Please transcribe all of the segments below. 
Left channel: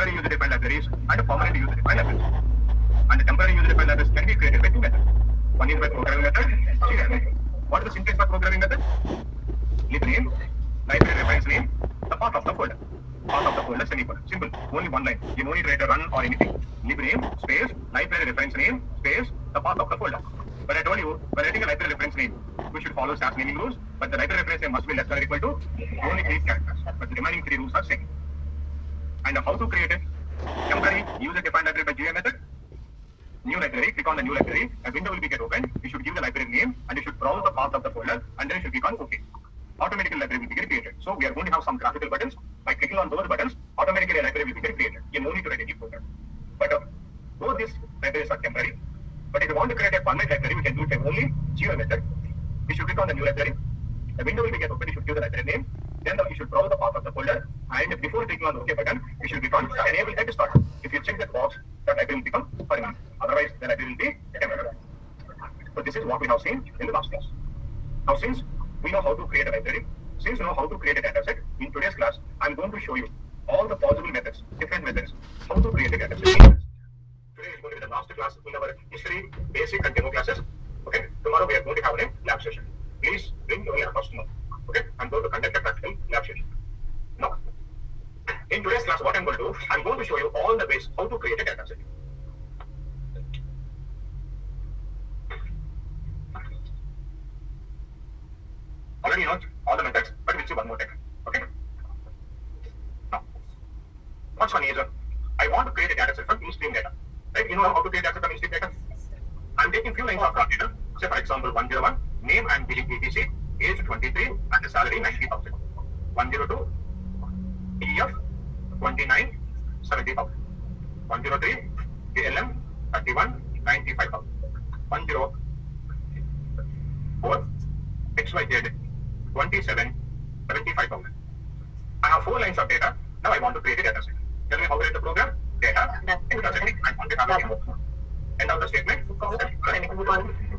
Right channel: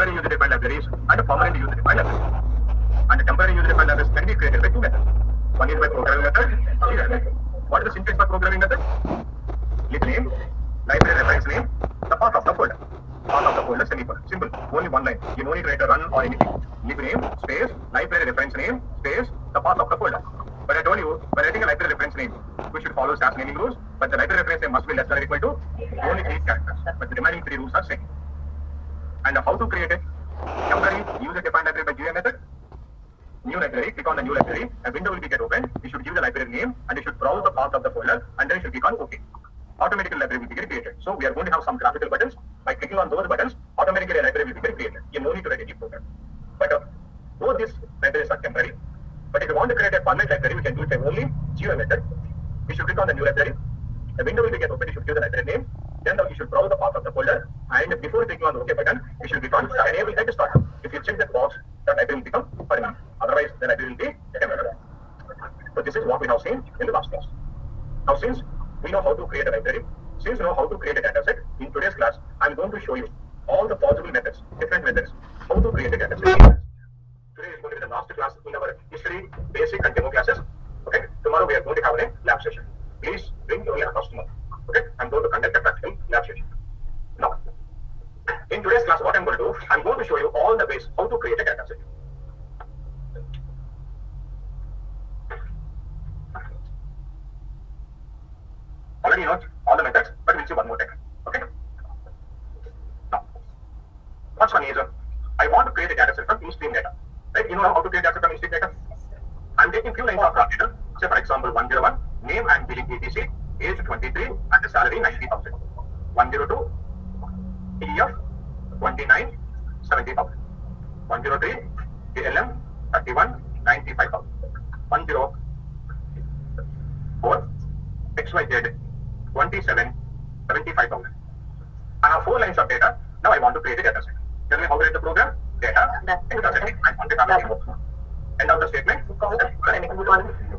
temporary user-defined libraries and permanent user-defined libraries. And the temporary user-defined libraries can be created by two methods. One is by programming method, GUI method. What is the syntax for programming method? Lib name, library reference name, the path of the folder. Path of the folder, semicolon. Simple. Only one line. You don't need to write a run or anything. Lib name, space, library reference name, space, the path of the folder. But I told you, when writing a library reference name, we should follow SAS naming rules, but the library reference name must be less than or equal to only 8 characters. But the remaining 3 rules are same. And how to create it? Temporary user-defined library by GUI method. New library, click on the new library, a window will be get opened. You should give the library name and you should browse the path of the folder and then you should click on OK. Automatically library will be created. So we are going to have some graphical buttons. By clicking on those buttons, automatically a library will be created. You no need to write any program. But both these libraries are temporary. But if you want to create a permanent library, we can do it by only GUI method. You should click on the new library. The window will be get opened. You should give the library name. Then you should browse the path of the folder. And before clicking on the OK button, you should click on enable type start. If you check that box, the library will become permanent. Otherwise, the library will be temporary. So this is what we have seen in the last class. Now, since we know how to create a library, since we know how to create a data set, in today's class, I'm going to show you all the possible methods, different methods, how to create a data set. Today is going to be the last class in our history, basic and demo classes. Okay. Tomorrow we are going to have a lab session. Please bring your laptops tomorrow. Okay. I'm going to conduct a practical lab session. Now, in today's class, what I'm going to do, I'm going to show you all the ways how to create a data set. Already know all the methods, but we'll see one more time. Okay. Now, first one is I want to create a data set from in-stream data. Right? You know how to create data set from in-stream data? I'm taking few lines of raw data. Say for example, 101, name and billing etc, age 23, and the salary 90,000. 102, EF 29, 70,000. 103, ALM 31, 95,000. 104, XYZ 27, 75,000. And now 4 lines of data. Now I want to create a data set. Tell me how to write the program. Data, data setting. I want to have a demo. End of the statement.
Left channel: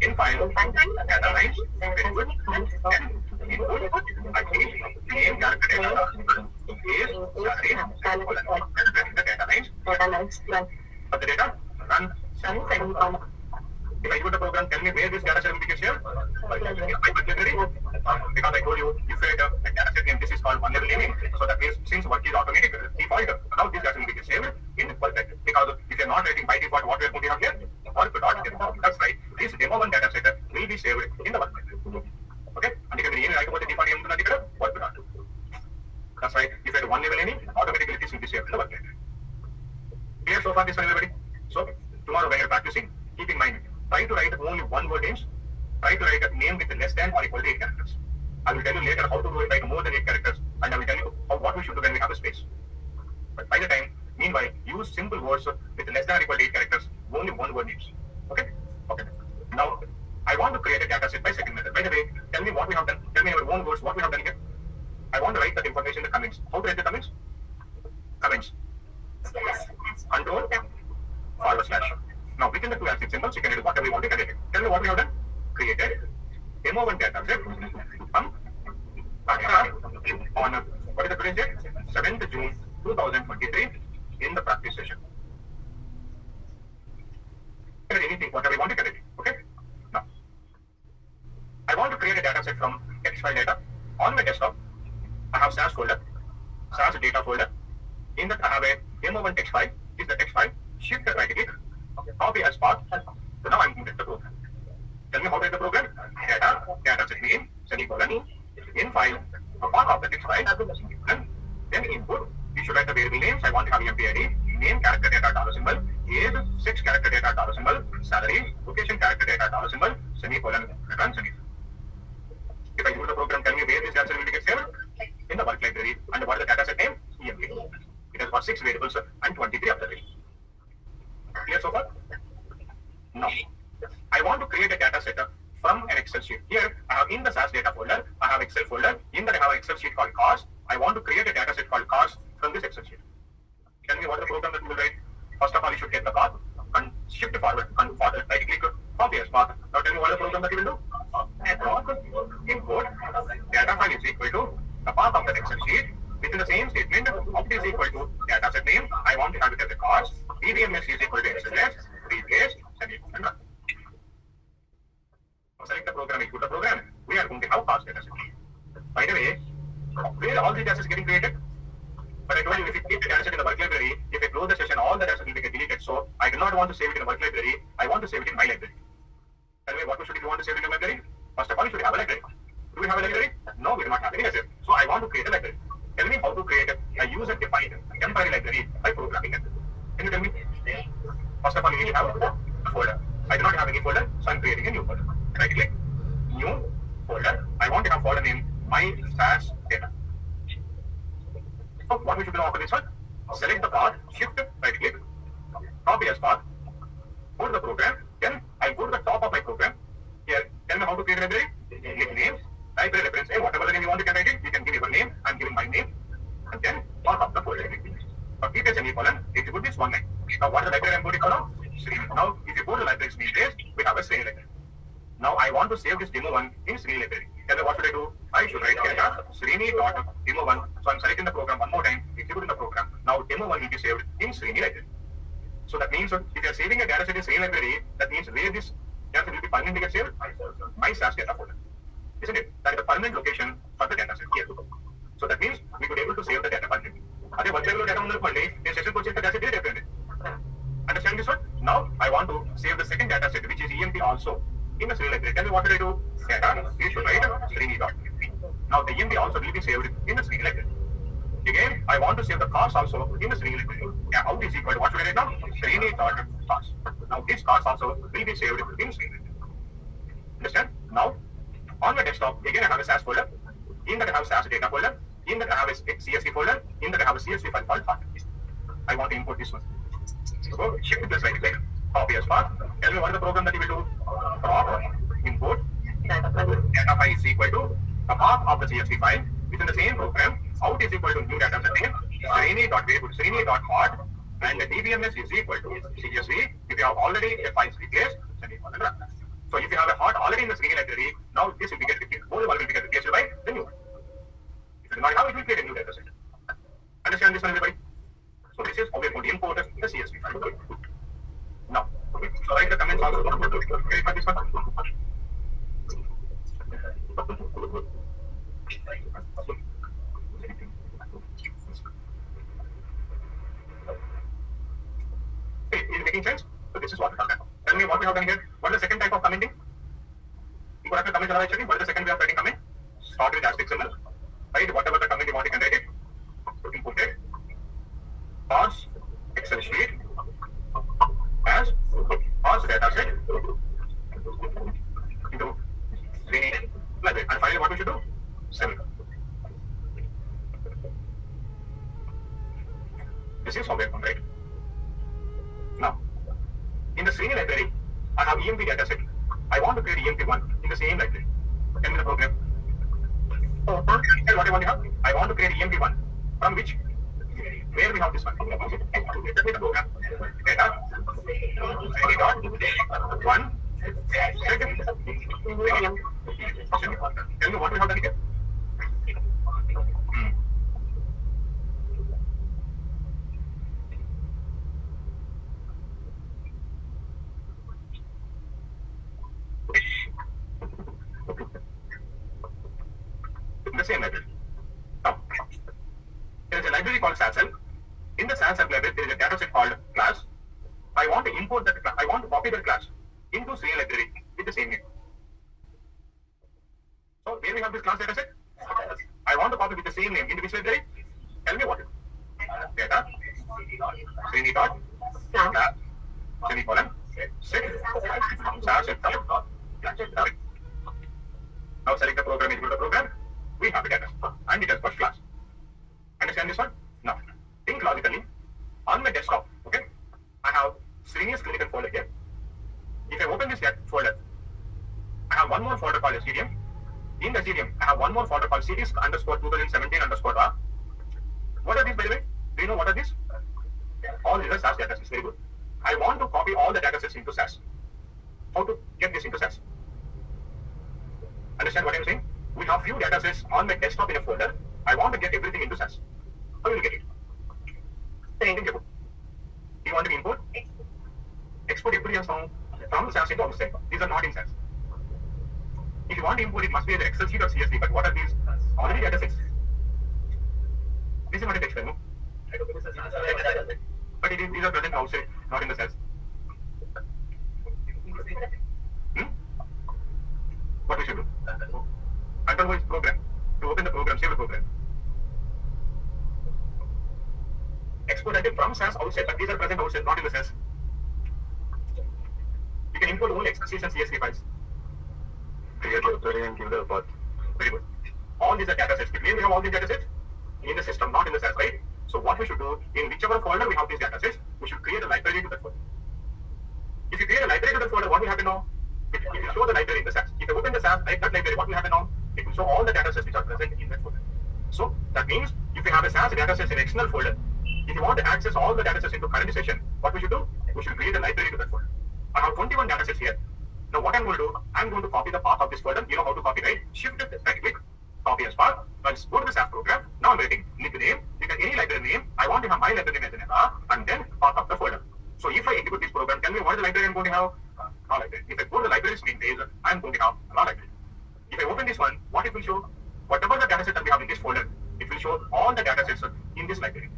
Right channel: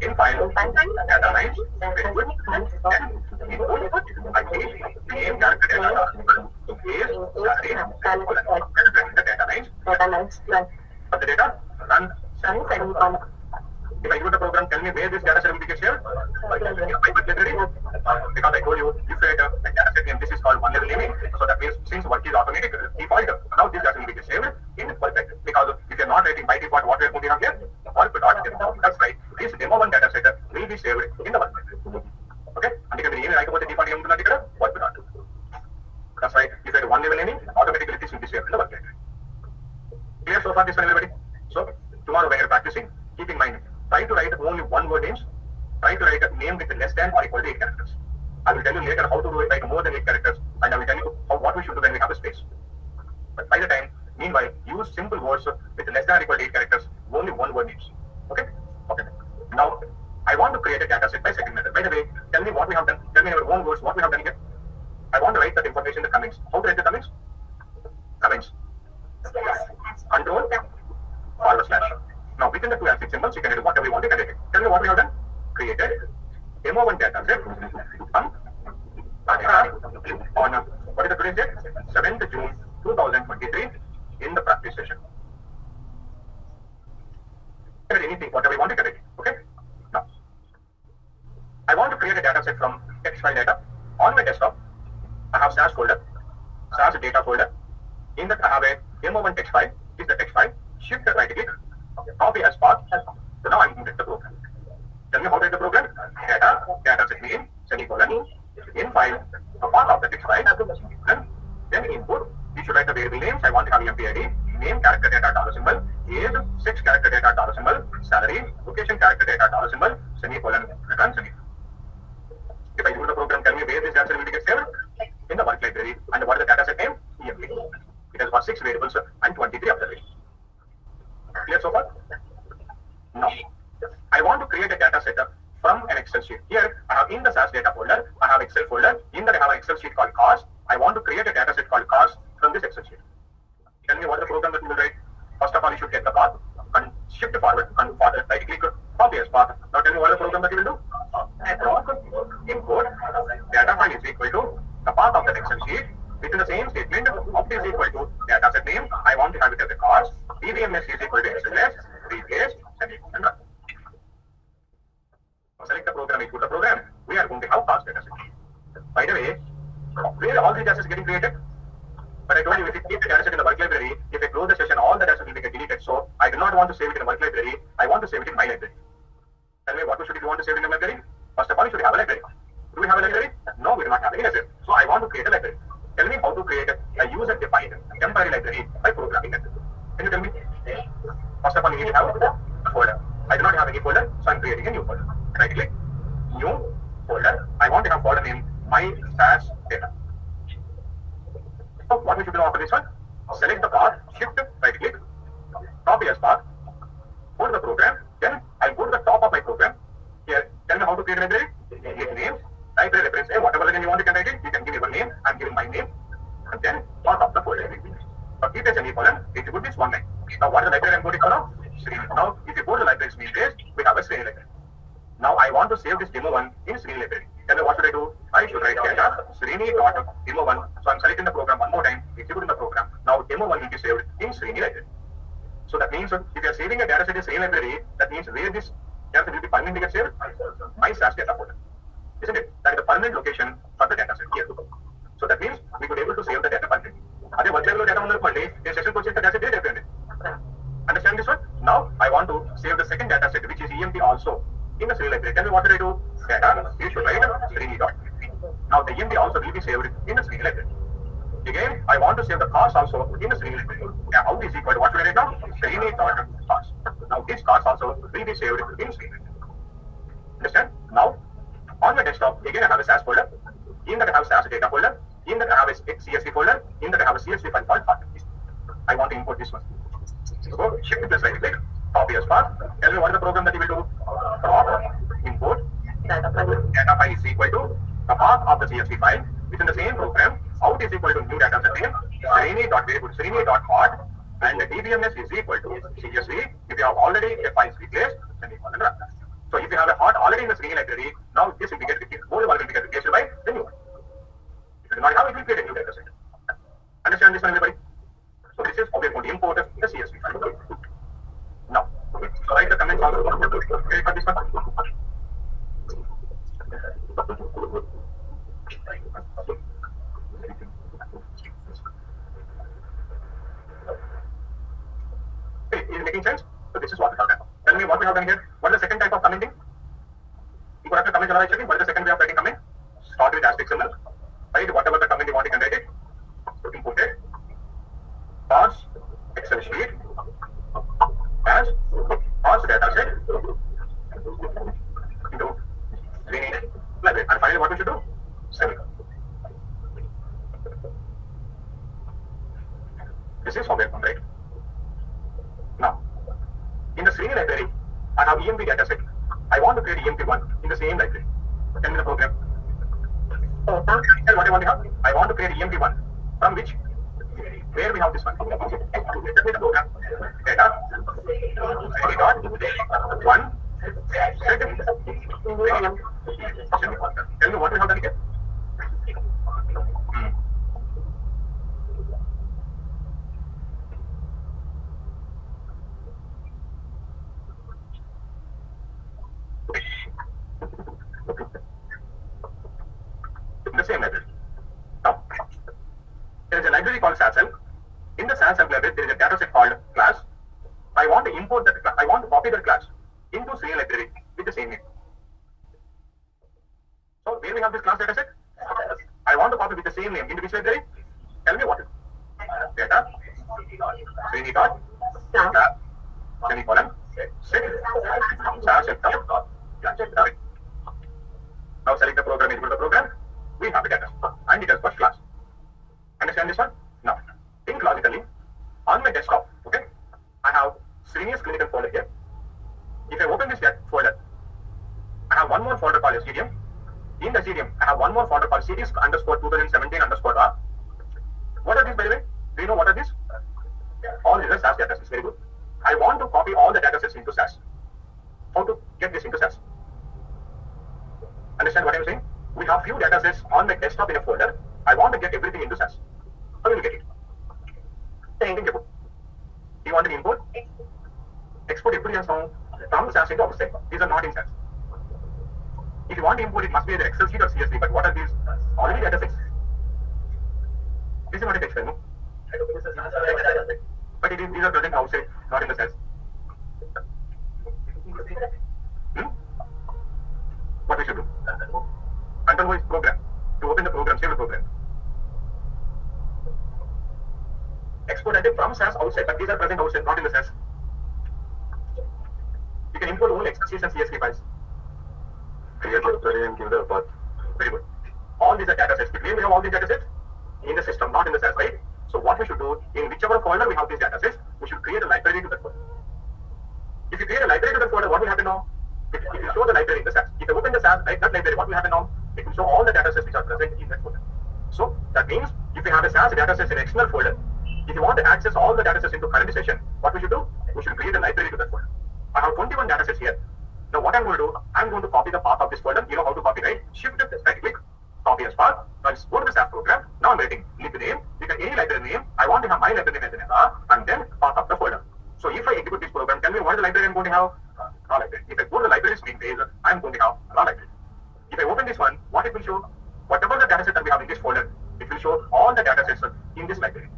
In file, data line, input, I change name, character, data, age, salary, the data lines. For the data, run. If I give the program, tell me where this data set will be saved. Because I told you, if you create a data set name, this is called one level naming. So that means since work is automatic default, now this data will be saved in work vector. Because if you're not writing by default, what we are going to have here? Work dot demo. That's right. This demo one data set will be saved in the work vector. Okay? And if you like about the default name, work dot. That's right. If you have one level naming, automatically this will be saved in the work vector. Clear so far this one, everybody? So tomorrow when you're practicing, keep in mind, try to write only one word names. Try to write a name with less than or equal to 8 characters. I will tell you later how to do it write more than 8 characters, and I will tell you what we should do when we have a space. But by the time, meanwhile, use simple words with less than or equal to 8 characters, only one word names. Okay? Okay. Now, I want to create a data set by second method. By the way, tell me what we have done. Tell me in our own words what we have done here. I want to write that information in the comments. How to write the comments? Comments. Control /. Now, within the 2 and 6 symbols, you can do whatever you want to create. Tell me what we have done. Created demo1 data set on what is the today's date? 7th June 2023 in the practice session. Anything, whatever you want to create. Okay? Now, I want to create a data set from text file data. On my desktop, I have SAS folder, SAS data folder. In that, I have a demo1 text file. This is the text file. Shift right click. Copy as path. So now I'm going to the program. Tell me how to write the program. Data set name, semicolon, in file, a path of the text file, then input. We should write the variable names. I want to have empid, name character data $symbol, age, sex character data $symbol, salary, location character data $symbol, semicolon, return semicolon. If I do the program, tell me where this data set will be saved. In the work library. And what is the data set name? EMP. It has got 6 variables and 23 observations. Clear so far? Now, I want to create a data set from an Excel sheet. Here, I have in the SAS data folder, I have Excel folder. In that, I have an Excel sheet called cars. I want to create a data set called cars from this Excel sheet. Tell me what the program that you will write. First of all, you should get the path and shift forward and forward, right click, copy as path. Now tell me what the program that you will do. Import data file is equal to the path of the Excel sheet Within the same statement, opt is equal to data set name. I want to have it as a cars. DBMS is equal to XLS, replace, semicolon. Now select the program, execute the program. We are going to have cars data set. By the way, where all the data sets getting created? But I told you, if you keep the data set in the work library, if I close the session, all the data set will get deleted. So I do not want to save it in the work library. I want to save it in my library. Tell me what you should if you want to save it in the library. First of all, you should have a library. Do we have a library? No, we do not have any library. So I want to create a library. Tell me how to create a user-defined temporary library by programming it. Can you tell me? First of all, you need to have a folder. I do not have any folder, so I'm creating a new folder. Right click, new folder. I want to have folder name my SAS data. So what we should do after this one? Select the path, shift, right click, copy as path, go to the program, then I go to the top of my program. Here, tell me how to create a library. Click name, library reference name, whatever the name you want, you can write it. You can give your name, I'm giving my name, and then top of the folder. But keep a semicolon, execute this one line. Now what is the library I'm going to follow? Srini. Now if you go to the library's main page, we have a Srini library. Now I want to save this demo1 in Srini library. Tell me what should I do? I should write data Srini.demo1. So I'm selecting the program one more time, executing the program. Now demo1 will be saved in Srini library. So that means if you are saving a data set in Srini library, that means where this data set will be permanently get saved? My SAS data folder. Isn't it? That is the permanent location for the data set here. So that means we could be able to save the data permanently. Adhe work level data in session coach data set different. Understand this one? Now I want to save the second data set, which is EMP also in the Srini library. Tell me what should I do? Data, you should write Srini.emp. Now the EMP also will be saved in the Srini library. Again, I want to save the cars also in the Srini library. Yeah, how is equal to what should I write now? Srini.cars. Now this cars also will be saved in Srini library. Understand? Now on my desktop, again I have a SAS folder. In that I have SAS data folder. In that I have a CSV folder. In that I have a CSV file called path. I want to import this one. So shift plus right click, copy as path. Tell me what is the program that you will do. Prop, import, data file is equal to the path of the CSV file. Within the same program, out is equal to new data set name, Srini.variable, Srini.hot, and the DBMS is equal to CSV. If you have already a file replaced, semicolon run. So if you have a hot already in the Srini library, now this will be get replaced. Old one will be get replaced by the new one. If you do not have it, will create a new data set. Understand this one, everybody? So this is how we are going to import the CSV file. Now, so write the comments also. Okay, for this one. Okay, is it making sense? So this is what we have done. Tell me what we have done here. What is the second type of commenting? You have to comment checking. What is the second way of writing comment? Start with asterisk symbol. Write whatever the comment you want, you can write it. Input it. Parse Excel sheet as parse data set into Srini library. And finally, what we should do? Semicolon. This is how we have done, right? Now, in the Srini library, I have EMP data set. I want to create EMP1 in the same library. Tell me the program. Tell what I want to have. I want to create EMP1 from which? Where we have this one. Let me the program. Data. Srini.1. Tell me what we have done here. In the same library. Now, there is a library called SASL. In the SASL library, there is a data set called class. I want to import that class. I want to copy that class into Srini library with the same name. So where we have this class data set, I want to copy with the same name into which library? Tell me what it is. Data Srini dot class semicolon set SASL dot class. Now select the program, execute the program. We have a data and it has got class. Understand this one? Now, think logically. On my desktop, okay, I have Srini's clinical folder here. If I open this folder, I have one more folder called SDM. In the SDM, I have one more folder called series underscore 2017 underscore R. What are these, by the way? Do you know what are these? All these are SAS data sets. Very good. I want to copy all the data sets into SAS. How to get this into SAS? Understand what I'm saying? We have few data sets on my desktop in a folder. I want to get everything into SAS. How will you get it? Anything about. You want to import? Export எப்படி from SAS into outside. These are not in SAS. If you want to import, it must be either Excel sheet or CSV. But what are these? Already data sets. This is not a text file, no? But these are present outside, not in the SAS. What we should do? Control O is program. To open the program, save the program. Export data from SAS outside, but these are present outside, not in the SAS. You can import only Excel sheets and CSV files. Create your query and give the path. Very good. All these are data sets. We have all these data sets in the system, not in the SAS, right? So what we should do, in whichever folder we have these data sets, we should create a library to that folder. If you create a library to that folder, what will happen now? If you show the library in the SAS, if you open the SAS, like that library, what will happen now? It will show all the data sets which are present in that folder. So that means if you have a SAS data sets in external folder, if you want to access all the data sets into current session, what we should do? We should create a library to that folder. I have 21 data sets here. Now what I'm going to do, I'm going to copy the path of this folder. You know how to copy, right? Shift right click, copy as path. I'll go to the SAS program. Now I'm writing lib name. You can any library name. I want to have my library name as an error and then path of the folder. So if I execute this program, tell me what is the library I'm going to have? Raw library. If I go to the library screen page, I'm going to have raw library. If I open this one, what it will show? Whatever the data set that we have in this folder, it will show all the data sets in this library.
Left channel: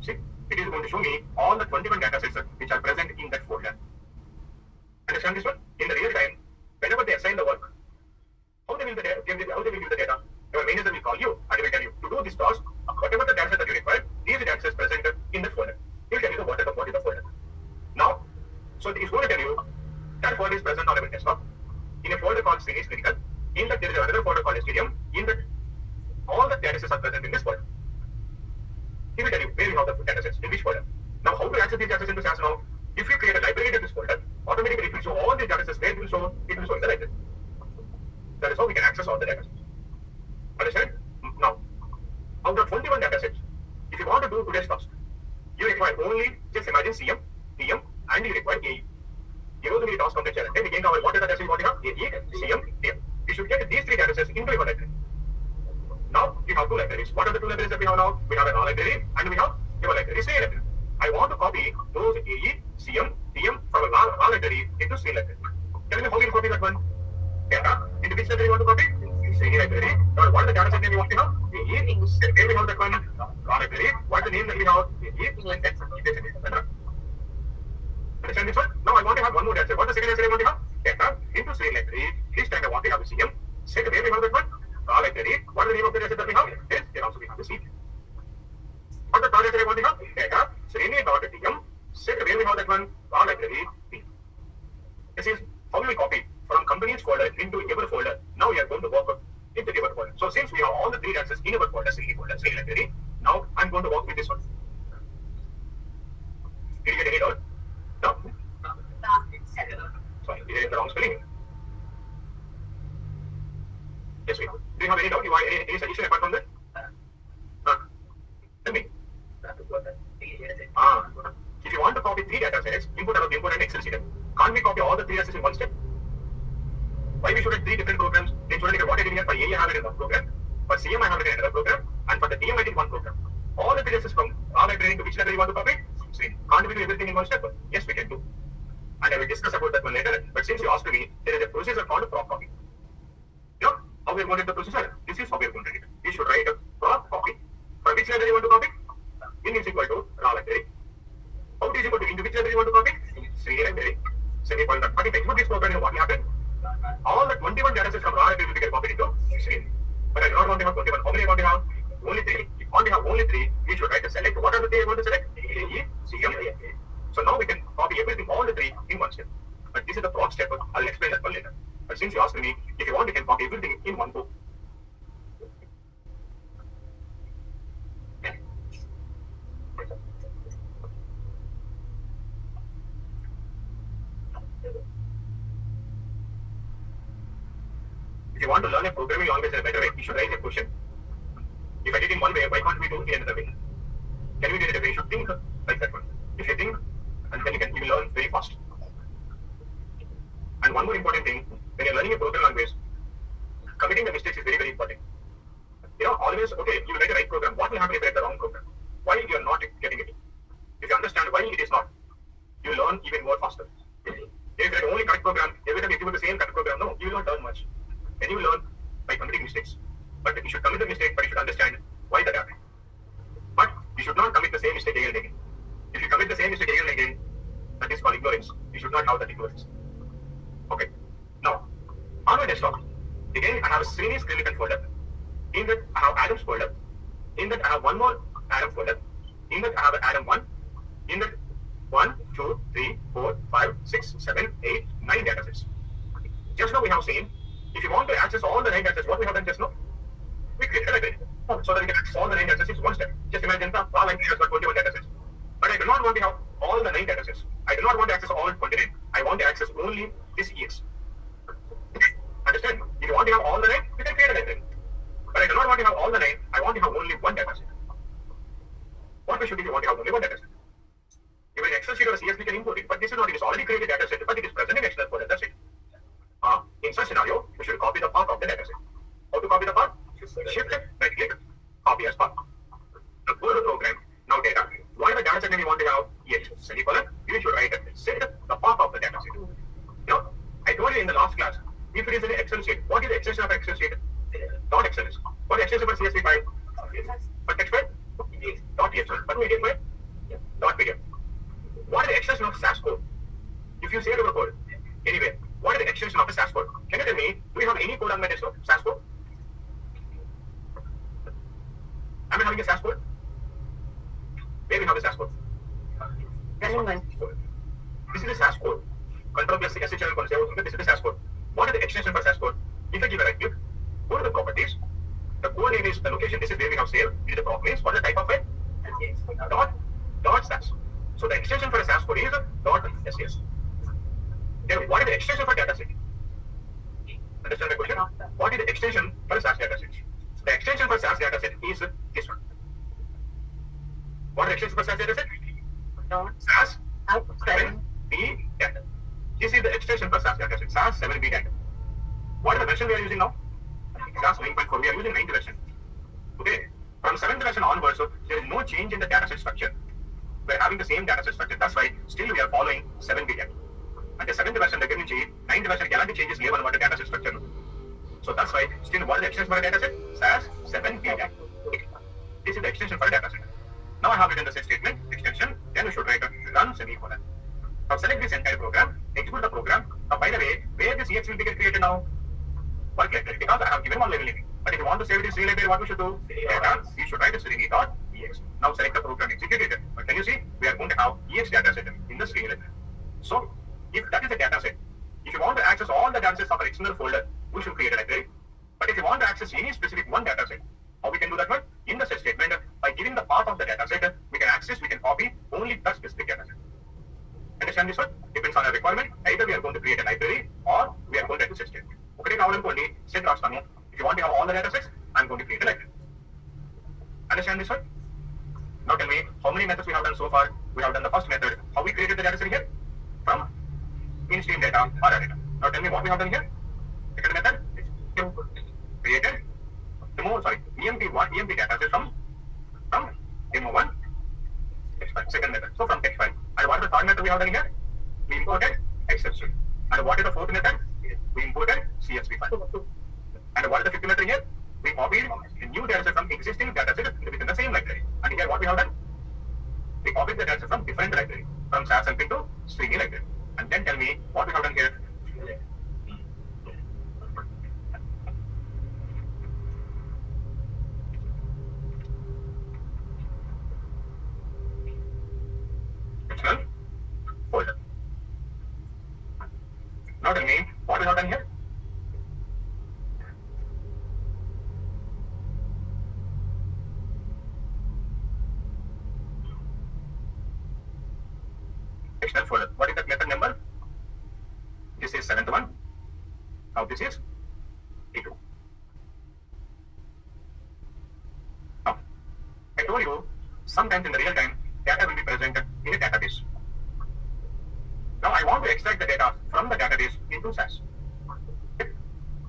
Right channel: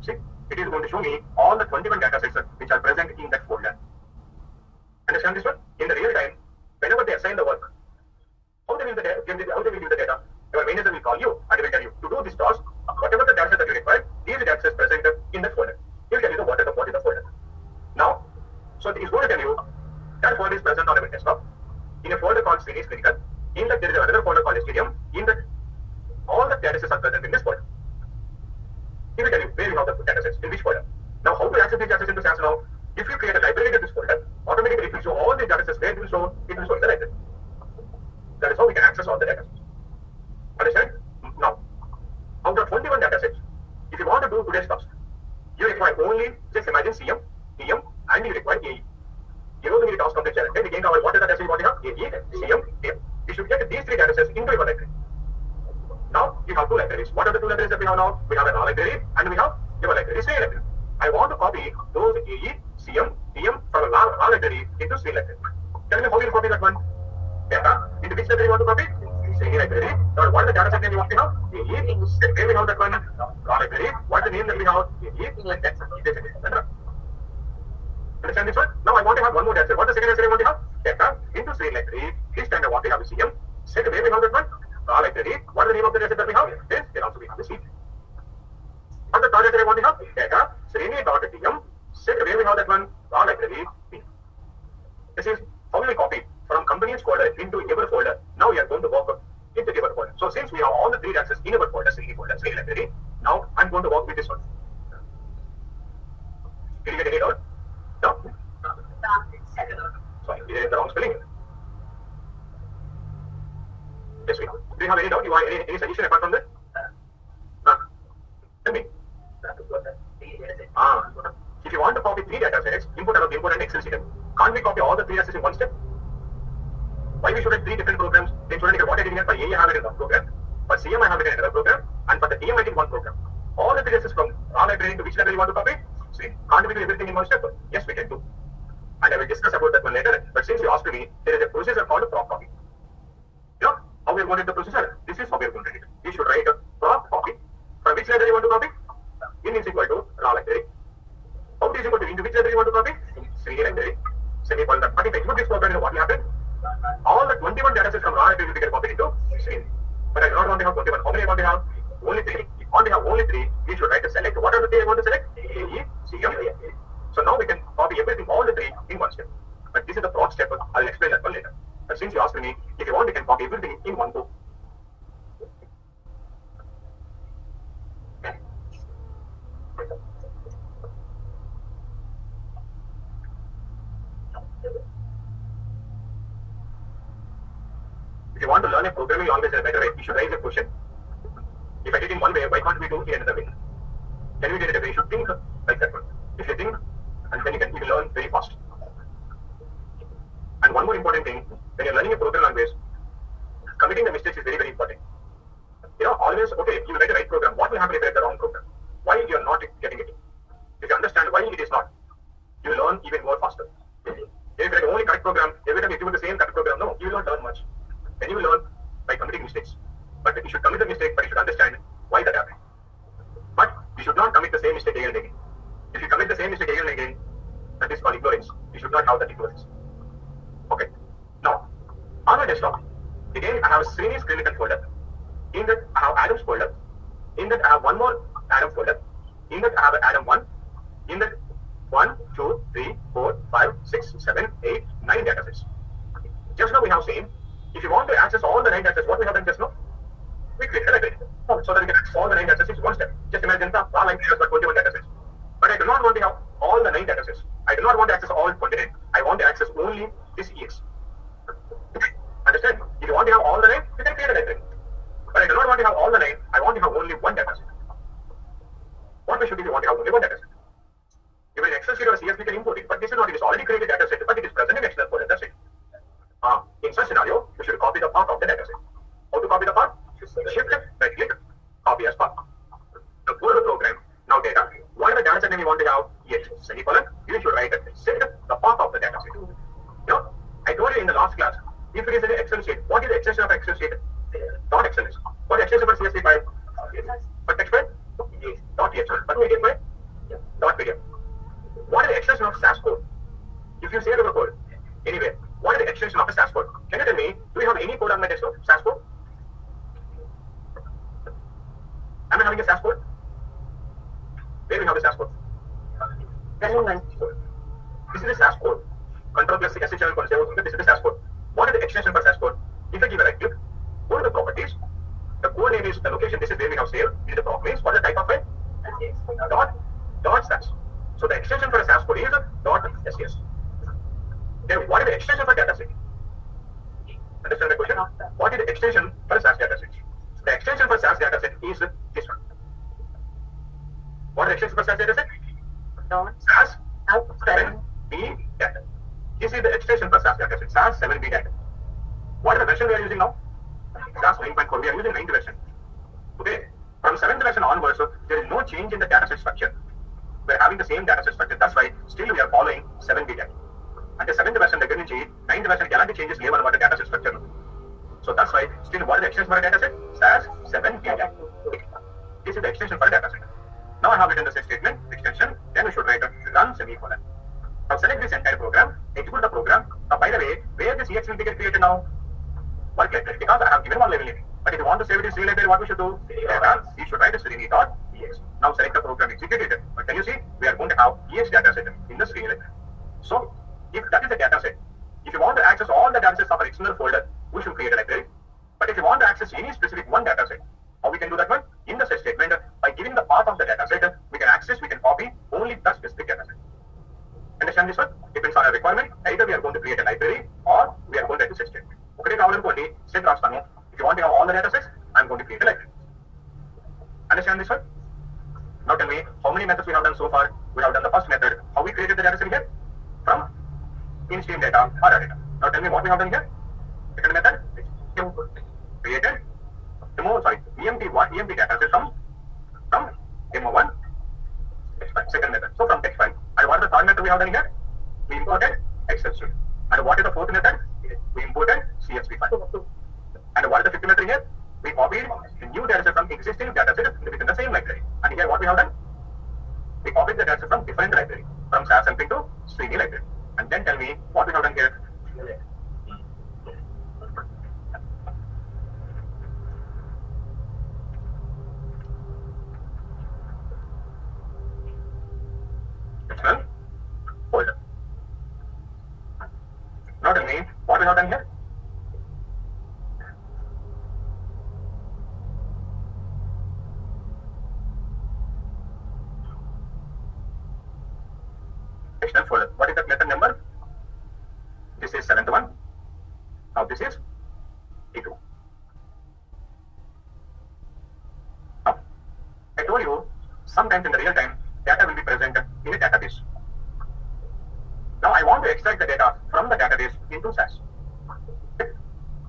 See, it is going to show me all the 21 data sets which are present in that folder. Understand this one? In the real time, whenever they assign the work, how they will give the data? Your manager will call you and he will tell you to do this task, whatever the data set that you require, these data sets present in that folder. He will tell you what is the folder. Now, so he is going to tell you that folder is present on a desktop in a folder called Senior Clinical. In that there is another folder called Stadium. In that all the data sets are present in this folder. He will tell you where you have the data sets, in which folder. Now, how to access these data sets into SAS now? If you create a library to this folder, automatically it will show all the data sets where it will show in the library. That is how we can access all the data sets. Understand? Now, out of 21 data sets, if you want to do today's task, you require only, just imagine CM, TM, and you require AE. You know the task on the channel. Then again, what is the data set you want to have? AE, CM, TM. You should get these three data sets into your library. Now, you have two libraries. What are the two libraries that we have now? We have a raw library and we have your library, Sri library. I want to copy those AE, CM, TM from a raw library into Sri library. Tell me how you copy that one. Data. Into which library you want to copy? Sri library. Now, what is the data set that you want to have? AE. Where we have that one? Raw library. What is the name that we have? AE. Understand this one? Now I want to have one more data set. What is the second data set I want to have? Data into Sri library. This time I want to have a CM. Set where we have that one? Raw library. What is the name of the data set that we have? Then there also we have the CM. What the third data set I want to have? Data. Srini.tm. Set where we have that one? Raw library. This is how we will copy from company's folder into your folder. Now we are going to work into your folder. So since we have all the three data sets in our folder, Srini folder, Sri library, now I'm going to work with this one. Did you get it out? No? Sorry, did I get the wrong spelling? Yes, we have. Do you have any doubt? You want any suggestion apart from that? Tell me. If you want to copy three data sets, input and Excel sheet, can't we copy all the three data sets in one step? Why we should have three different programs? They shouldn't get what I did here. For A, I have it in one program. For CM, I have it in another program. And for the TM, I did one program. All the data sets from raw library into which library you want to copy? See, can't we do everything in one step? Yes, we can do. And I will discuss about that one later. But since you asked me, there is a procedure called a prop copy. You know how we are going to do the procedure? This is how we are going to do it. You should write a prop copy. For which library you want to copy? In is equal to raw library. Out is equal to into which library you want to copy? Sri library. Semicolon. But if I execute this program, what will happen? All the 21 data sets from raw library will get copied into Sri. But I do not want to have 21. How many I want to have? Only 3. If you want to have only 3, we should write a select. What are the 3 I want to select? AE, CM, AE. So now we can copy everything, all the 3 in one step. But this is the prop step. I'll explain that one later. But since you asked me, if you want, you can copy everything in one go. If you want to learn a programming language in a better way, you should raise a question. If I did in one way, why can't we do it in another way? Can we do it a way? You should think like that one. If you think, and then you will learn very fast. And one more important thing, when you're learning a programming language, committing the mistakes is very, very important. Always, okay, you write the right program. What will happen if you write the wrong program? Why you are not getting it? If you understand why it is not, you learn even more faster. If you write only correct program, every time you do the same correct program, no, you will not learn much. Then you will learn by committing mistakes. But you should commit the mistake, but you should understand why that happened. But you should not commit the same mistake again and again. If you commit the same mistake again and again, that is called ignorance. You should not have that ignorance. Okay. Now, on my desktop, again, I have a Srini's clinical folder. In that, I have Adam's folder. In that, I have one more Adam folder. In that, I have Adam 1. In that, 1, 2, 3, 4, 5, 6, 7, 8, 9 datasets. Just now we have seen, if you want to access all the 9 datasets, what we have done just now? We created a library. So that we can access all the 9 datasets in one step. Just imagine the all library has got 21 datasets. But I do not want to have all the 9 datasets. I do not want to access all 29. I want to access only this EX. Understand? If you want to have all the 9, you can create a library. But I do not want to have all the 9. I want to have only one dataset. What we should do if you want to have only one dataset? Even an Excel sheet or a CSV can import it. But this is not, it is already created dataset, but it is present in Excel folder. That's it. In such scenario, you should copy the path of the dataset. How to copy the path? Shift it, right click, copy as path. Now go to the program. Now data. Whatever dataset name you want to have, yes, semicolon, you should write it. Set the path of the dataset. Now, I told you in the last class, if it is an Excel sheet, what is the extension of Excel sheet? Dot XLS. What extension for CSV file? For text file? Dot TXT. But PDF file? Dot PDF. What is the extension of SAS code? If you say the code, anyway, what is the extension of the SAS code? Can you tell me, do you have any code on my desktop? SAS code? Am I having a SAS code? Where we have the SAS code? This is the SAS code. Control plus SHL code. This is the SAS code. What is the extension for SAS code? If I give a right click, go to the properties. The code name is the location. This is where we have saved. It is the prop names. What is the type of file? Dot SAS. So the extension for a SAS code is dot SAS. Then what is the extension for dataset? Understand the question? What is the extension for a SAS dataset? The extension for SAS dataset is this one. What is the extension for SAS dataset? SAS 7B data. This is the extension for SAS dataset. SAS 7B data. What is the version we are using now? SAS 9.4. We are using 9th version. Okay. From 7th version onwards, there is no change in the dataset structure. We are having the same dataset structure. That's why still we are following 7B data. And the 7th version, the 9th version, cannot be changes level about the dataset structure. So that's why still what is the extension for a dataset? SAS 7B data. This is the extension for a dataset. Now I have written the set statement, extension, then we should write a run semicolon. Now select this entire program, execute the program. Now by the way, where this EX will get created now? Work library, because I have given one level name. But if you want to save it in C library, what we should do? Data, we should write a Srini.ex. Now select the program, execute it. But can you see? We are going to have EX dataset in the Srini library. So if that is a dataset, if you want to access all the datasets of an external folder, we should create a library. But if you want to access any specific one dataset, how we can do that one? In the set statement, by giving the path of the dataset, we can access, we can copy only that specific dataset. Understand this one? Depends on our requirement. Either we are going to create a library or we are going to write a set statement. Okay, now set rastanu. If you want to have all the datasets, I'm going to create a library. Understand this one? Now tell me, how many methods we have done so far? We have done the first method. How we created the dataset here? From in-stream data or data. Now tell me what we have done here. Second method created EMP dataset from demo1 text file. Second method. So from text file. And what is the third method we have done here? We imported Excel sheet. And what is the fourth method? We imported CSV file. And what is the fifth method here? We copied a new dataset from existing dataset within the same library. And here what we have done? We copied the dataset from different library, from SAS LP to Srini library. And then tell me what we have done here. External folder. Now tell me what we have done here. External folder. What is that method number? This is 7th one. Now this is E2. Now, I told you sometimes in the real time data will be present in a database. Now I want to extract the data from the database into SAS.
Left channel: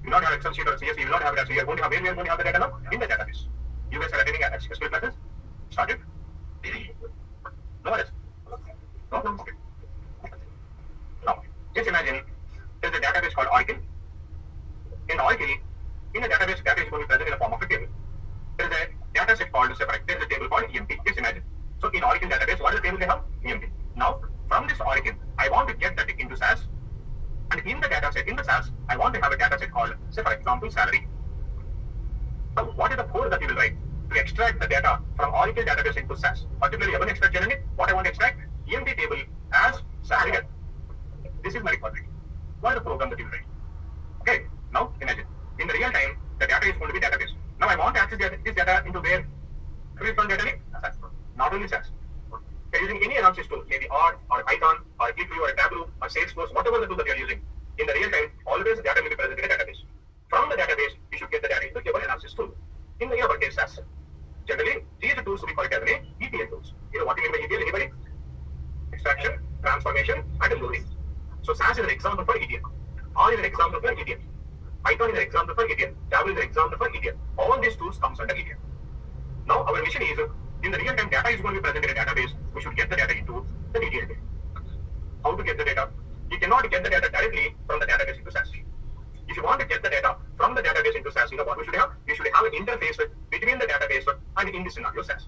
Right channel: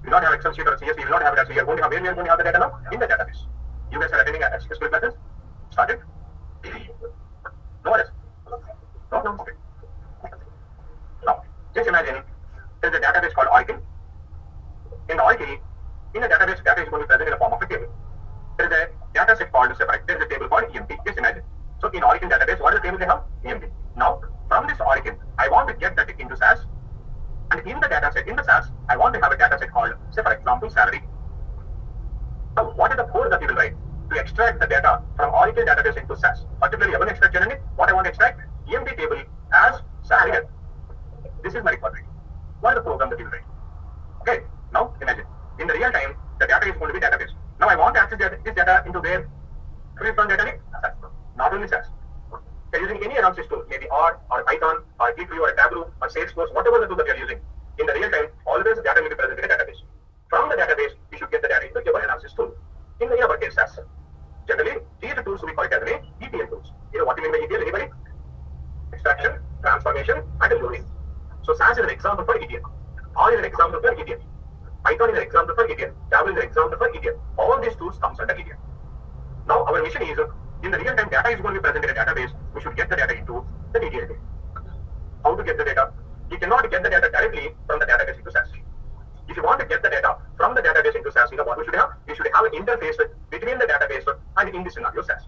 You don't have Excel sheet or CSV, you will not have it actually. You are going to have where we are going to have the data now? In the database. You guys are attending SQL classes? Started? No worries. No? Okay. Now, just imagine there is a database called Oracle. In the Oracle, in the database, data is going to be present in the form of a table. There is a data set called separate. There is a table called EMP. Just imagine. So in Oracle database, what is the table they have? EMP. Now, from this Oracle, I want to get that into SAS. And in the data set, in the SAS, I want to have a data set called, say for example, salary. So what is the code that you will write to extract the data from Oracle database into SAS? Particularly, I want to extract what I want to extract, EMP table as salary. This is my requirement. What is the program that you will write? Okay, now imagine. In the real time, the data is going to be database. Now I want to access this data into where? Where is the data in? SAS. Not only SAS. You're using any analysis tool, maybe R or Python or ClickView or Tableau or Salesforce, whatever the tool that you're using. In the real time, always data will be present in a database. From the database, you should get the data into your analysis tool. In our case, SAS. Generally, these tools we call it as ETL tools. You know what you mean by ETL? Anybody? Extraction, transformation, and loading. So SAS is an example for ETL. R is an example for ETL. Python is an example for ETL. Tableau is an example for ETL. All these tools comes under ETL. Now our mission is, in the real-time data is going to be present in a database. We should get the data into the ETL. How to get the data? You cannot get the data directly from the database into SAS. If you want to get the data from the database into SAS, you know what we should have? You should have an interface between the database and in this scenario SAS.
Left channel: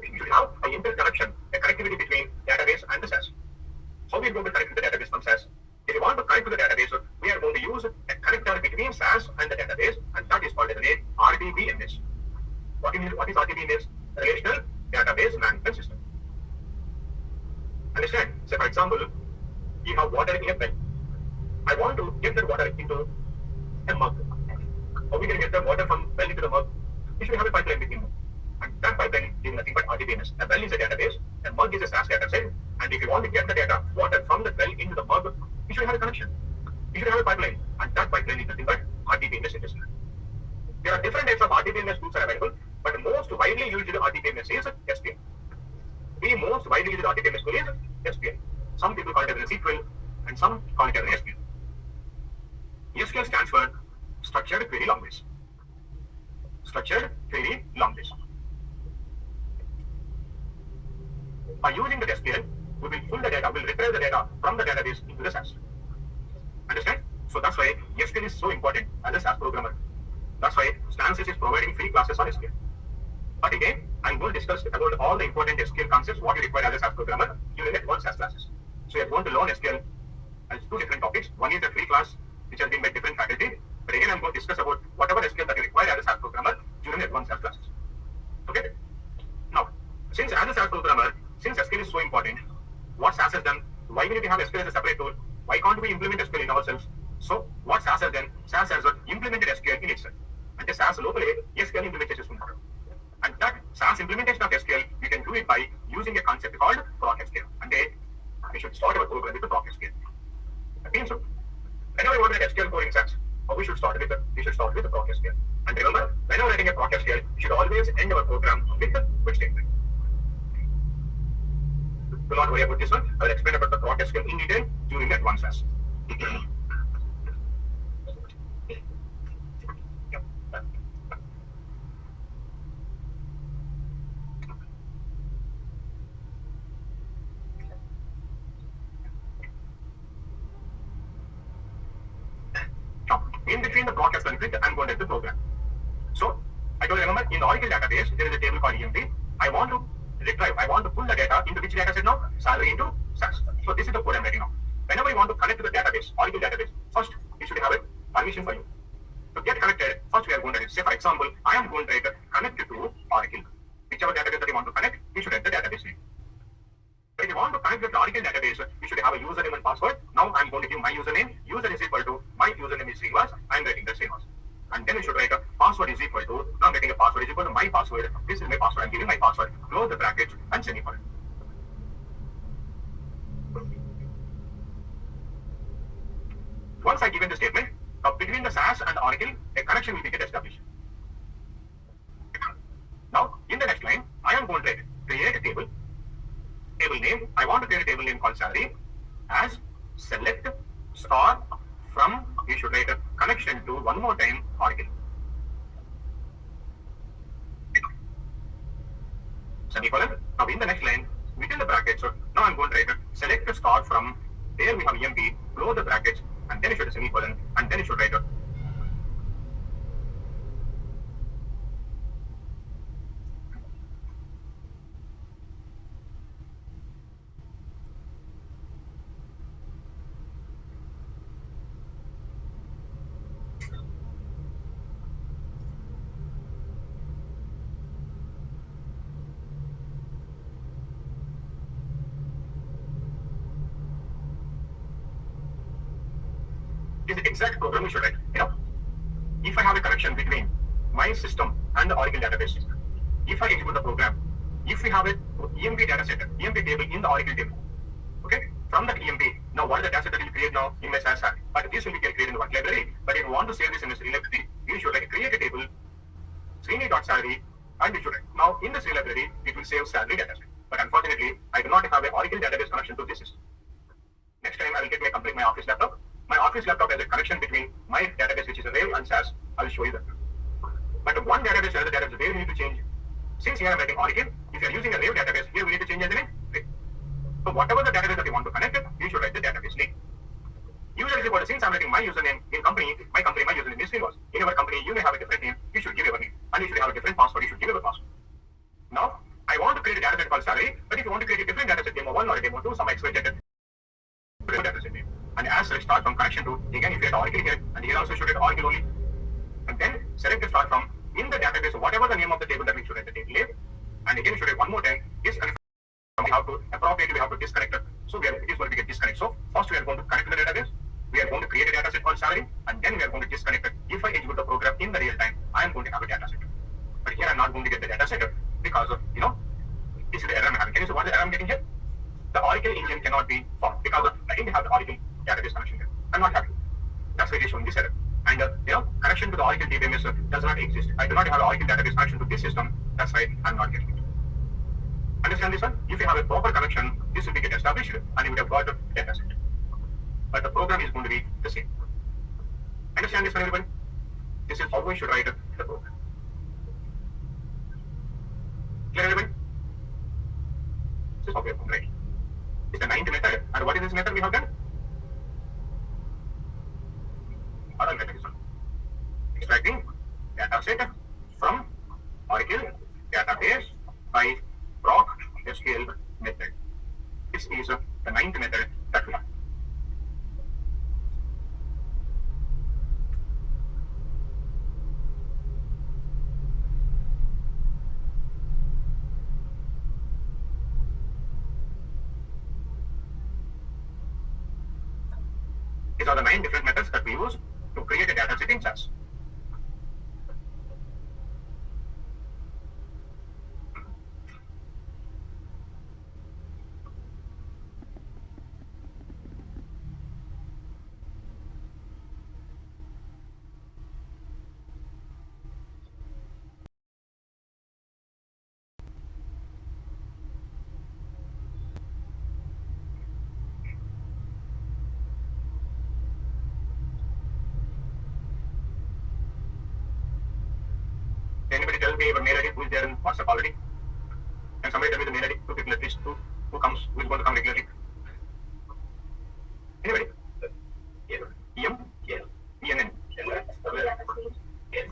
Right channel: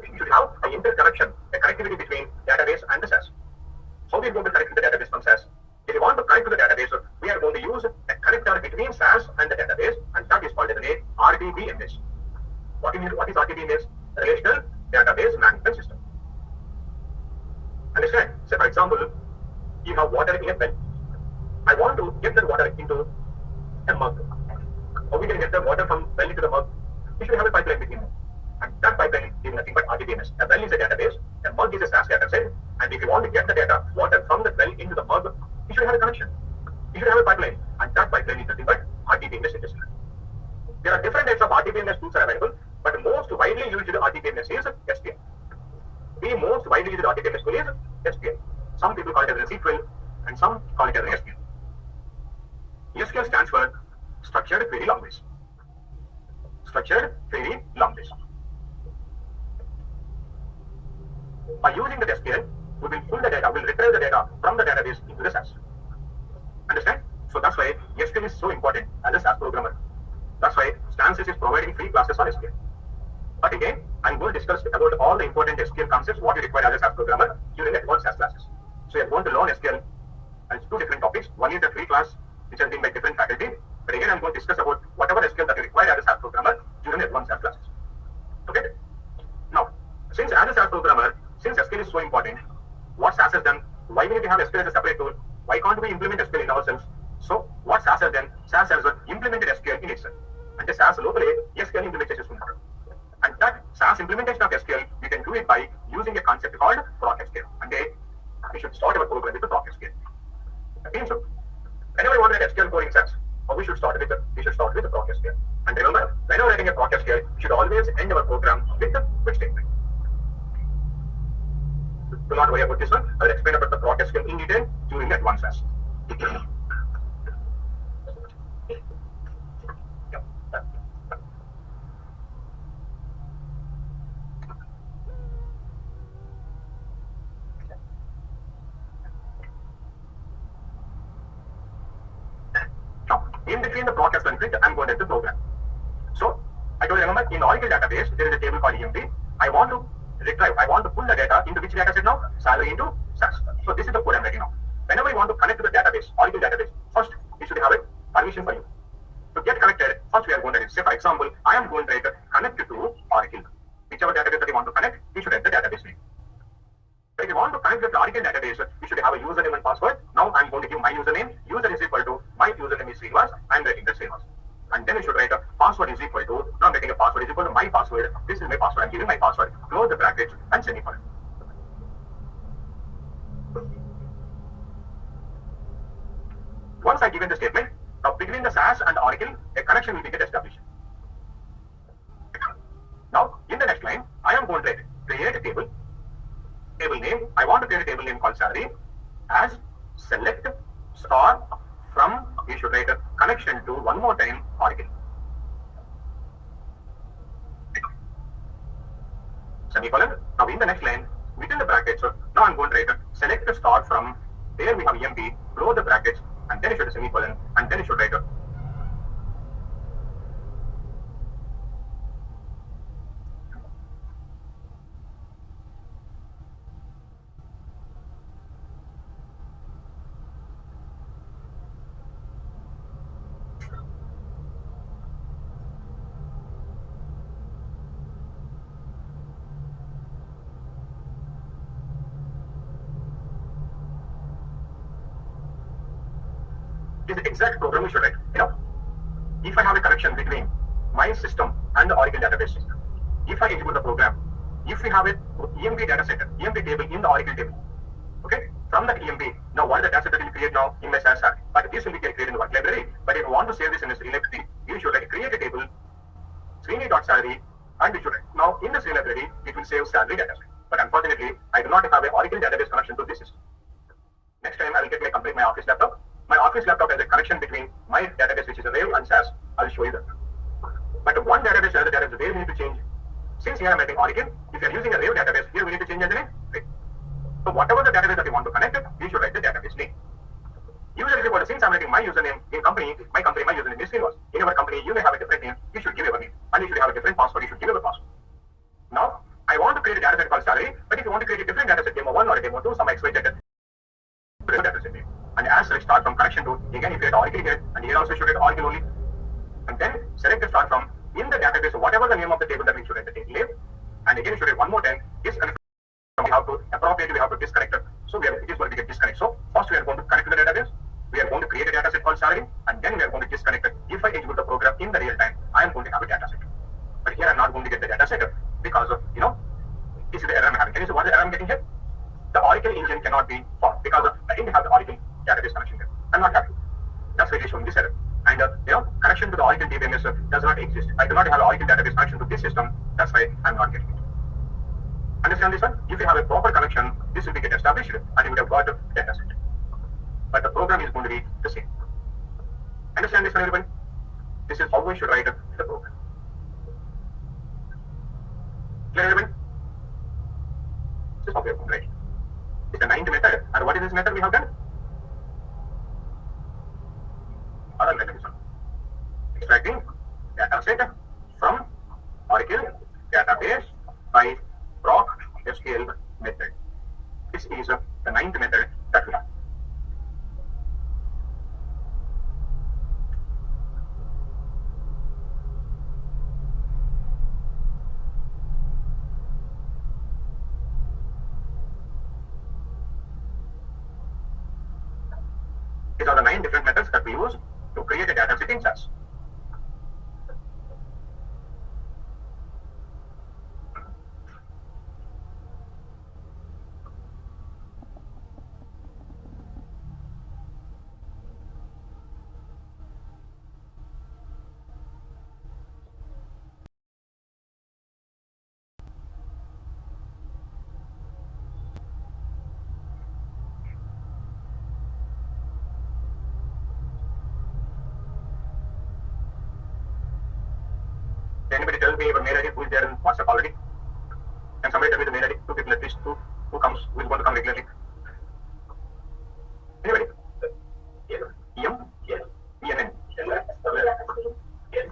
You should have an interconnection, a connectivity between database and the SAS. How we are going to connect to the database from SAS? If you want to connect to the database, we are going to use a connector between SAS and the database, and that is called as a RDBMS. What is RDBMS? Relational Database Management System. Understand? Say for example, you have water in a well. I want to get that water into a mug. How we can get the water from well into the mug? We should have a pipeline between them. And that pipeline is nothing but RDBMS. A well is a database, a mug is a SAS data set, and if you want to get the data, water from the well into the mug, you should have a connection. You should have a pipeline, and that pipeline is nothing but RDBMS it is. There are different types of RDBMS tools are available, but the most widely used RDBMS is SQL. The most widely used RDBMS tool is SQL. Some people call it as SQL, and some call it as SQL. SQL stands for Structured Query Language. Structured Query Language. By using the SQL, we will pull the data, we will retrieve the data from the database into the SAS. Understand? So that's why SQL is so important as a SAS programmer. That's why Stances is providing free classes on SQL. But again, I'm going to discuss about all the important SQL concepts, what you require as a SAS programmer during the advanced SAS classes. So you're going to learn SQL as two different topics. One is a free class, which has been by different faculty. But again, I'm going to discuss about whatever SQL that you require as a SAS programmer during the advanced SAS classes. Okay? Now, since as a SAS programmer, since SQL is so important, what SAS has done, why we need to have SQL as a separate tool? Why can't we implement SQL in ourselves? So what SAS has done, SAS has implemented SQL in itself. And the SAS locally, SQL implementation is important. And that SAS implementation of SQL, you can do it by using a concept called proc SQL. And then we should start our program with the proc SQL. Okay, so whenever you want to write SQL code in SAS, we should start with the proc SQL. And remember, whenever writing a proc SQL, we should always end our program with the quit statement. Do not worry about this one. I will explain about the proc SQL in detail during the advanced SAS. In between the proc SQL and I'm going to the program. So I told you, remember, in the Oracle database, there is a table called EMP. I want to retrieve, I want to pull the data into which data set now? Salary into SAS. So this is the code I'm writing now. Whenever you want to connect to the database, Oracle database, first you should have a permission for you. To get connected, first we are going to say, for example, I am going to write connect to Oracle. Whichever database that you want to connect, you should write the database name. If you want to connect with the Oracle database, you should have a username and password. Now I'm going to give my username. User is equal to my username is Srinivas. I'm writing the Srinivas. And then you should write a password is equal to, now I'm writing a password is equal to my password. This is my password. I'm giving my password. Close the brackets and semicolon. Once I given the statement, between the SAS and Oracle, a connection will be established. Now, in the next line, I am going to create a table. Table name, I want to create a table name called salary as select star from, you should write connection to one more time Oracle. Semicolon. Now in the next line, within the brackets, now I'm going to write select the start from there we have EMP, close the brackets, and then you should semicolon, and then you should write is the exact program you should write. If I have a connection between my system and the Oracle database, if I execute the program, if we have a EMP data set, EMP table in the Oracle table, okay, from that EMP, now what is the data set that you create now in my SAS file? But this will be created in the work library. But if you want to save this in this library, you should create a table, Srini.salary, and you should write. Now in this library, it will save salary data set. But unfortunately, I do not have an Oracle database connection to this system. Next time I will get my office laptop. My office laptop has a connection between my database, which is a Rail and SAS. I will show you that. But one database to another database, where we need to change. Since here I am writing Oracle, if you are using a Rail database, here we need to change as a name. Right. So whatever the database that you want to connect it, you should write the database name. User is equal to, since I'm writing my username in company, my username is Srinivas. In your company, you may have a different name. You should give your name. And you should have a different password. You should give your password. Now, I want to create a dataset called salary, but if you want to create a different dataset, demo 1 or a demo 2, some expected dataset name. And as such, start from connection to, again, if you had Oracle here, and here also should write Oracle only. And then select the start from in the database, whatever the name of the table that we should write the table name. And again, you should write one more time, disconnect. We have to appropriately, we have to disconnect it. So it is going to get disconnect. So first we are going to connect to the database. We are going to create a dataset called salary, and then we are going to disconnect it. If I execute the program in the real time, I am going to have a dataset. But here I'm not going to get the dataset because of, this is the error I'm having. Can you see what the error I'm getting here? The Oracle engine cannot be formed because I didn't have the Oracle database connection here. I'm not happy. That's why it is showing this error. And connection to the Oracle DBMS does not exist. I do not have an Oracle database connection to this system. That's why I'm not getting it. Understand this one? If you have a proper connection, this will be get established and you would have got a data set. But the program is going to be the same. Understand this one, everybody? This is how we should write the program. Clear, everybody? This is how we are going to write. It's the 9th method. And what is this method we have done? Other method is one. Extracting data set from Oracle database by proc SQL method. This is the 9th method that we have. These are the 9 different methods that we use to create a data set in SAS. Anybody tell me your mail ID who is there in WhatsApp already? Can somebody tell me the mail ID? 2 people at least, who comes, who is going to come regularly? Anybody? EM? ENN? You? EN?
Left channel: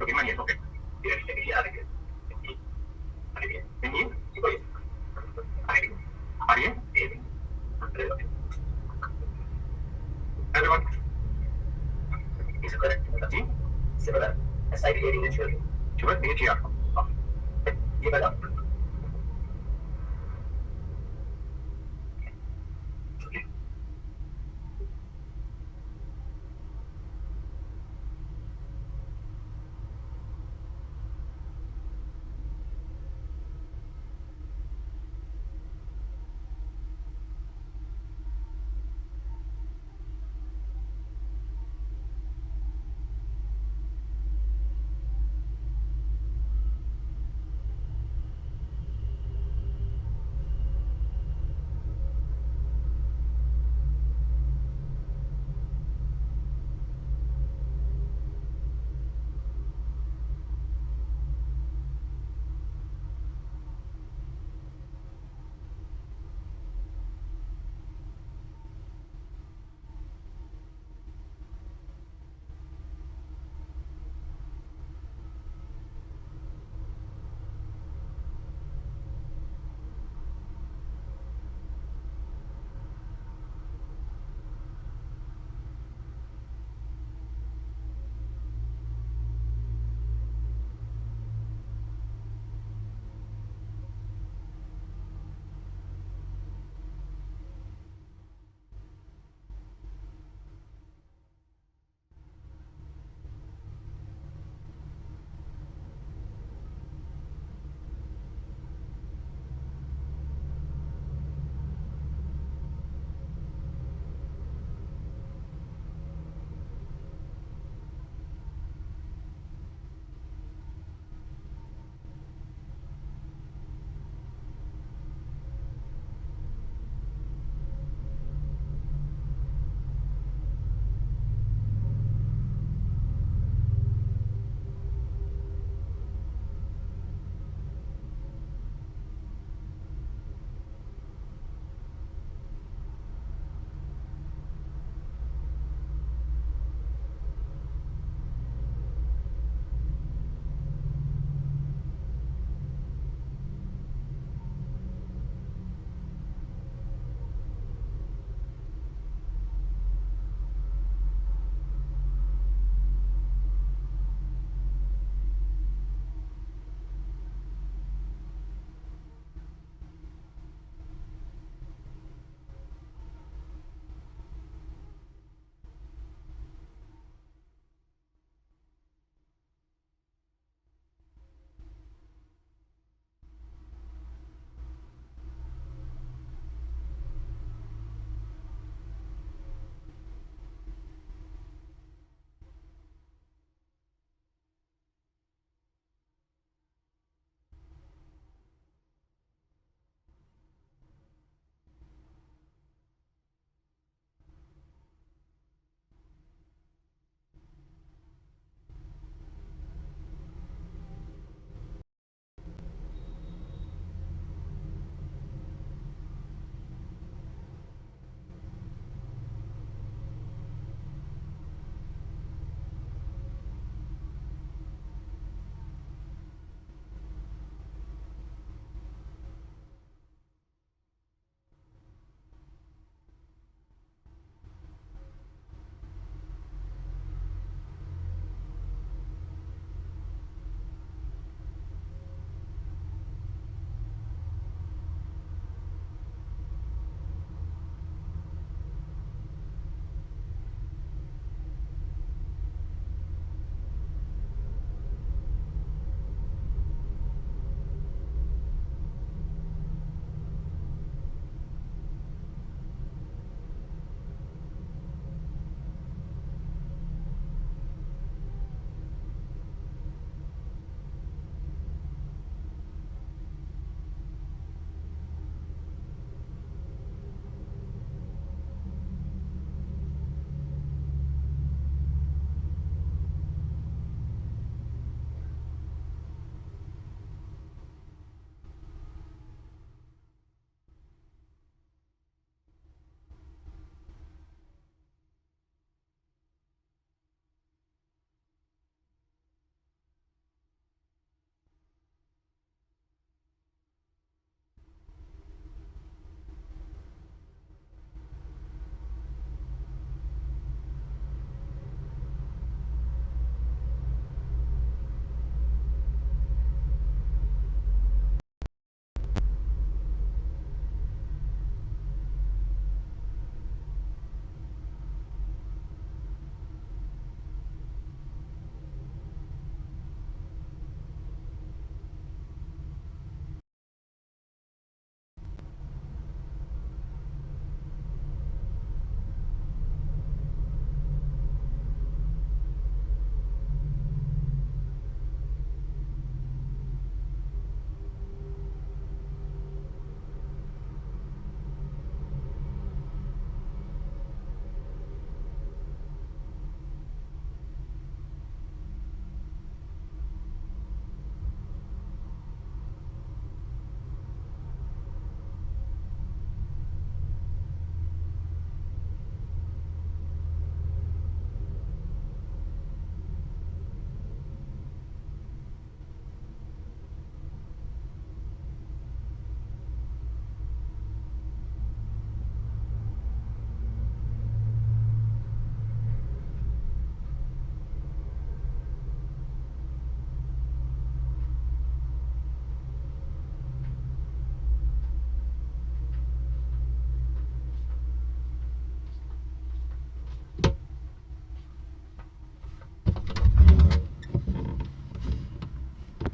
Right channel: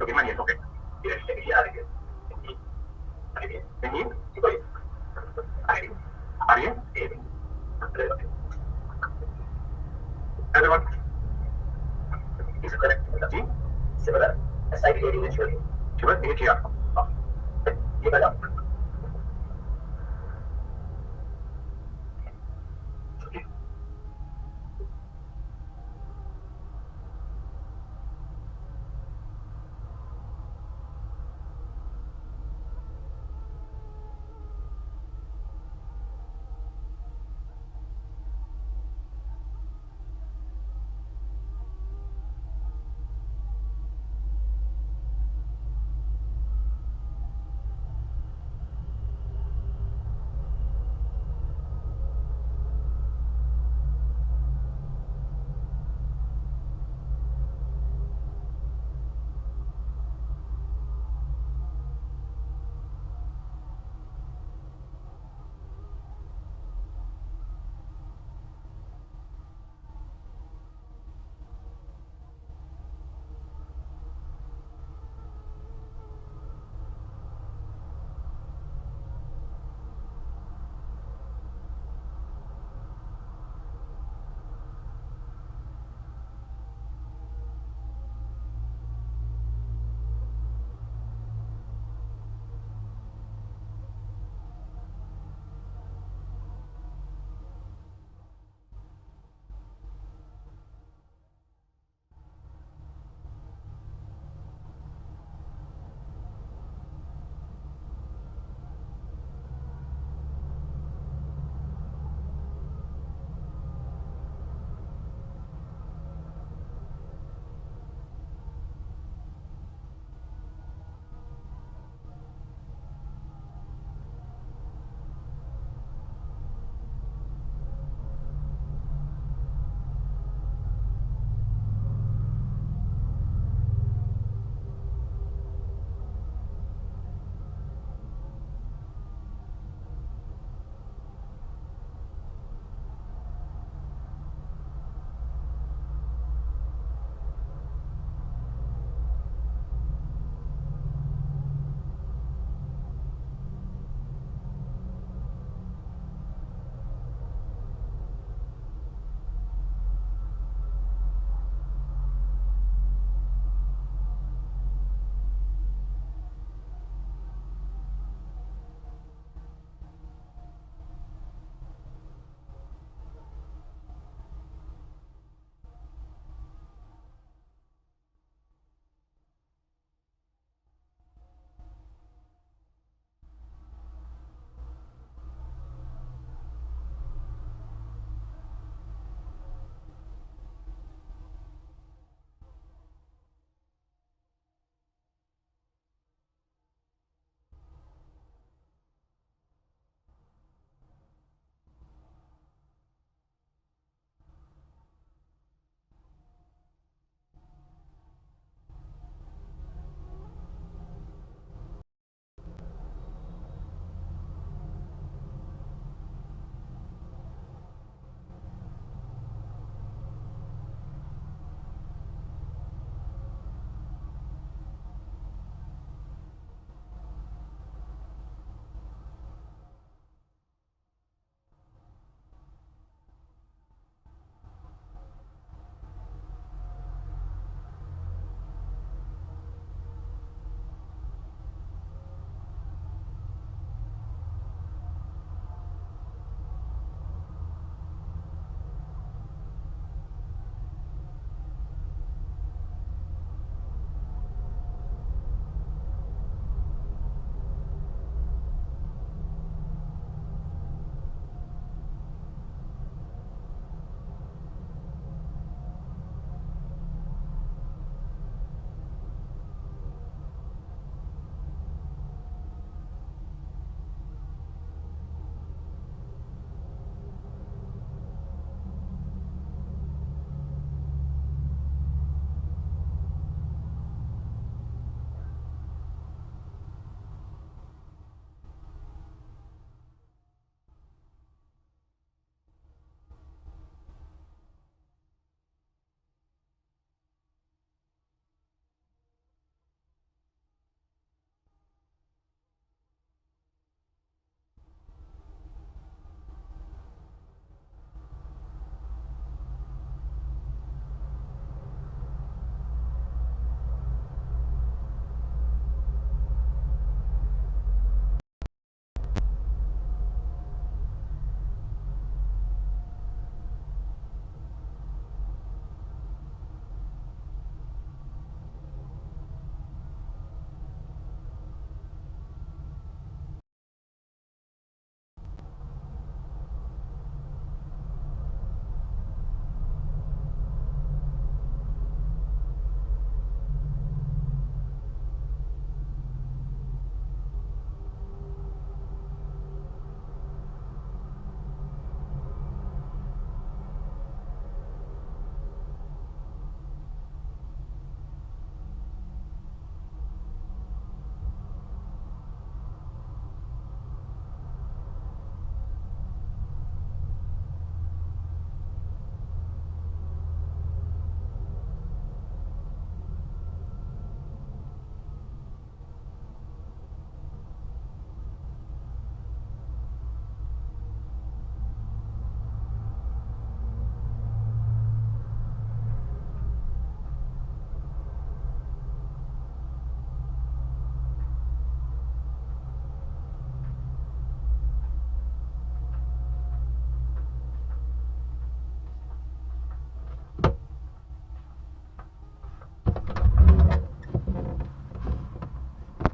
Okay, my name, okay. NE? RN? Everyone? Is it correct? Similar. SID 18 inch. Sure, HER. Give it up.